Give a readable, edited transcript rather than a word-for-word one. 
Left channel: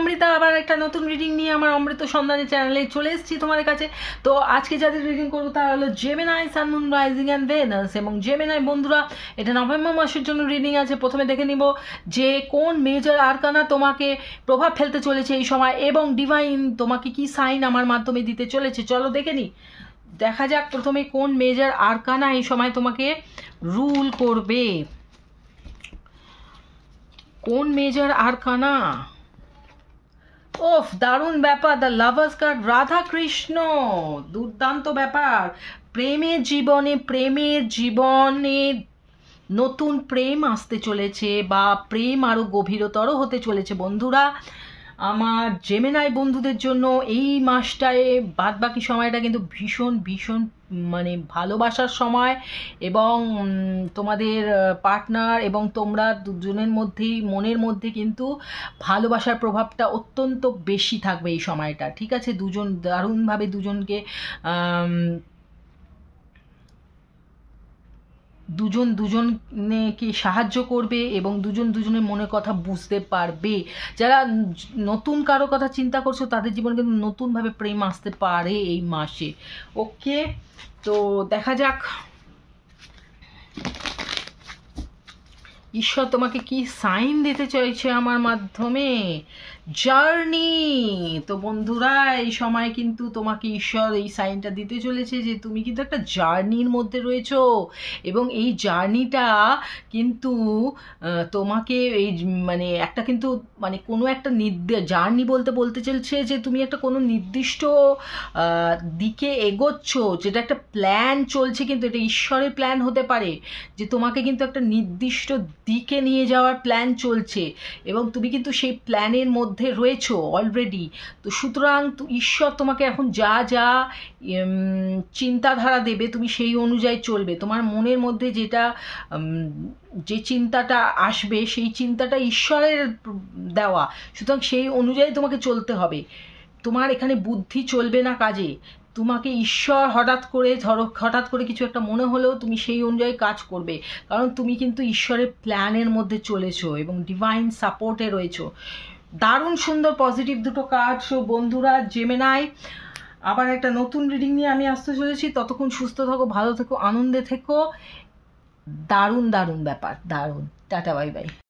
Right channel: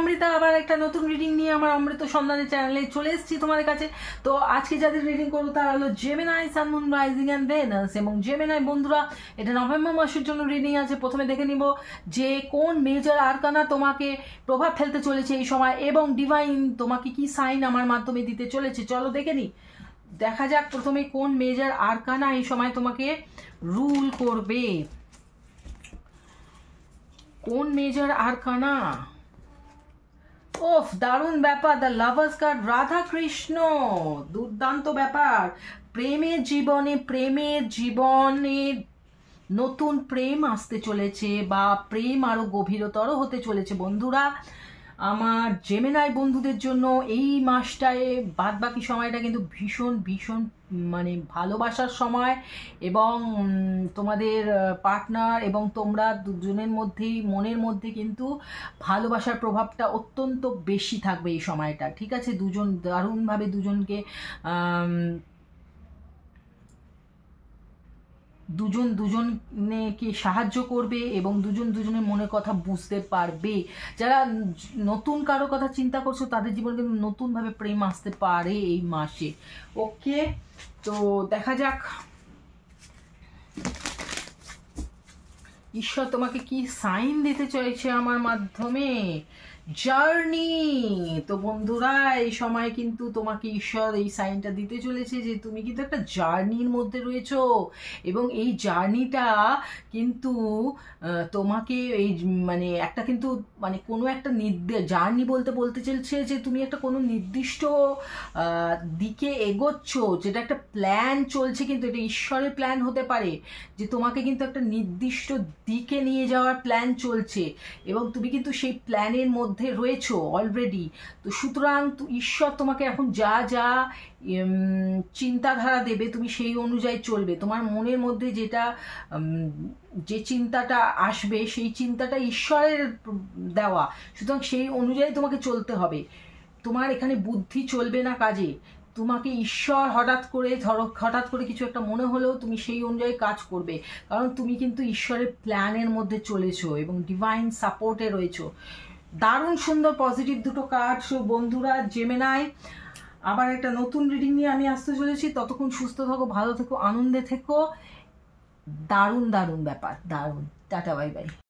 অমৃতা আবার একটা নতুন রিডিং নিয়ে আমার অমৃত সন্ধানের চ্যানেলে চলে এসেছি তোমাদের কাছে। তো আজকে যাদের রিডিং করবো তারা হলো Gemini, sun, moon, rising and Venus. এবং জেমিনাই বন্ধুরা, এটা নভেম্বর মাসের জন্য রিডিং আছে। প্রথমে দেখে নিব যে কোন মেজর আরকানা তোমাকে প্রভাব ফেলতে চলেছে এই সময়, এবং ডিভাইন তোমাকে কি সাইন আমার মাধ্যমে দিতে চলেছে। চলো দেখে নিই, দেখা যাক প্রথমে কোন মেজর আরকানা এই সময় তোমাকে রুল করবে। কোন মেজর আরকানা? ওফ, দারুণ ব্যাপার। The lovers card, Radha Krishna, দুর্দান্ত ব্যাপার। প্রেমের জীবনে নতুন প্রেম আসতে চলেছে, বা প্রেম আরো গভীরতর হতে চলেছে বন্ধুরা। আমার জেমিনাই বন্ধুদের জন্য এই মাসটায় বাদ বাকি সময়টা কিন্তু ভীষণ ভীষণ মানে ভালোবাসার সময়, এবং তোমাদের পার্টনার এবং তোমরা দুজনের মধ্যেই মনের মধ্যে কিন্তু ভালোবাসার প্রভাবটা অত্যন্ত বেশি থাকবে এই সময়টা। ঠিক আছে, দুজন দারুণভাবে দুজনকে সাহায্য করবে, এবং দুজনের মনের কথা বুঝতে পারবে। যারা নতুন কারো কথা চিন্তা করছো তাদের জীবনে কিন্তু নতুনভাবে প্রেম আসতে পারে এই মাসে। ওকে, তো দেখা যাক ঈশ্বর তোমাকে কি সাইন দিতে চাইছে আমার মাধ্যমে। জার্নি। তো বন্ধুরা, এই সময় কিন্তু তোমাকে ঈশ্বর এই সাইনটা দিতে চলেছে যে তুমি কিন্তু একটা জার্নির মধ্যে রয়েছো, এবং এই জার্নিটা কিন্তু তোমাকে এই মানে একটা কিন্তু মানে কোনো একটা জার্নি বলতে চলছে যে তুমি একটা কোনো নির্দিষ্ট দিকে এগোচ্ছ, যেটা একটা প্ল্যান চলছে, কিন্তু এটা ঈশ্বরের প্ল্যান হতে পারে যে তোমাকে কিন্তু একটা নির্দিষ্ট দিকে নিয়ে যাওয়ার প্ল্যান চলছে, এবং তুমি কিন্তু সেই প্ল্যানের মধ্যে রয়েছো অলরেডি। তো সুতরাং ঈশ্বর তোমাকে এখন যা যা চিন্তাধারা দেবে তুমি সেই অনুযায়ী চলবে। তোমার মনের মধ্যে যে চিন্তাটা আসবে সেই চিন্তাটা ঈশ্বরের দেওয়া, সুতরাং সেই অনুযায়ী তোমাকে চলতে হবে। তোমার এখানে বুদ্ধি চলবে না কাজে। তোমাকে ঈশ্বর হঠাৎ করে কিছু একটা মনে হলেও তুমি সেই অনুযায়ী কাজ করবে, কারণ তুমি কিন্তু ঈশ্বরের প্ল্যানের মধ্যে চলেছো এবং ডিভাইন সাপোর্টে রয়েছো। দারুণ সুন্দর পজিটিভ দুটো কার্ড বন্ধুরা। জেমিনাই, আবার একটা নতুন রিডিং নিয়ে আমি আসতে চলেছি। ততক্ষণ সুস্থ থাকো, ভালো থেকো, আনন্দে থেকো। দারুণ দারুণ ব্যাপার, দারুণ। Tata, bye bye.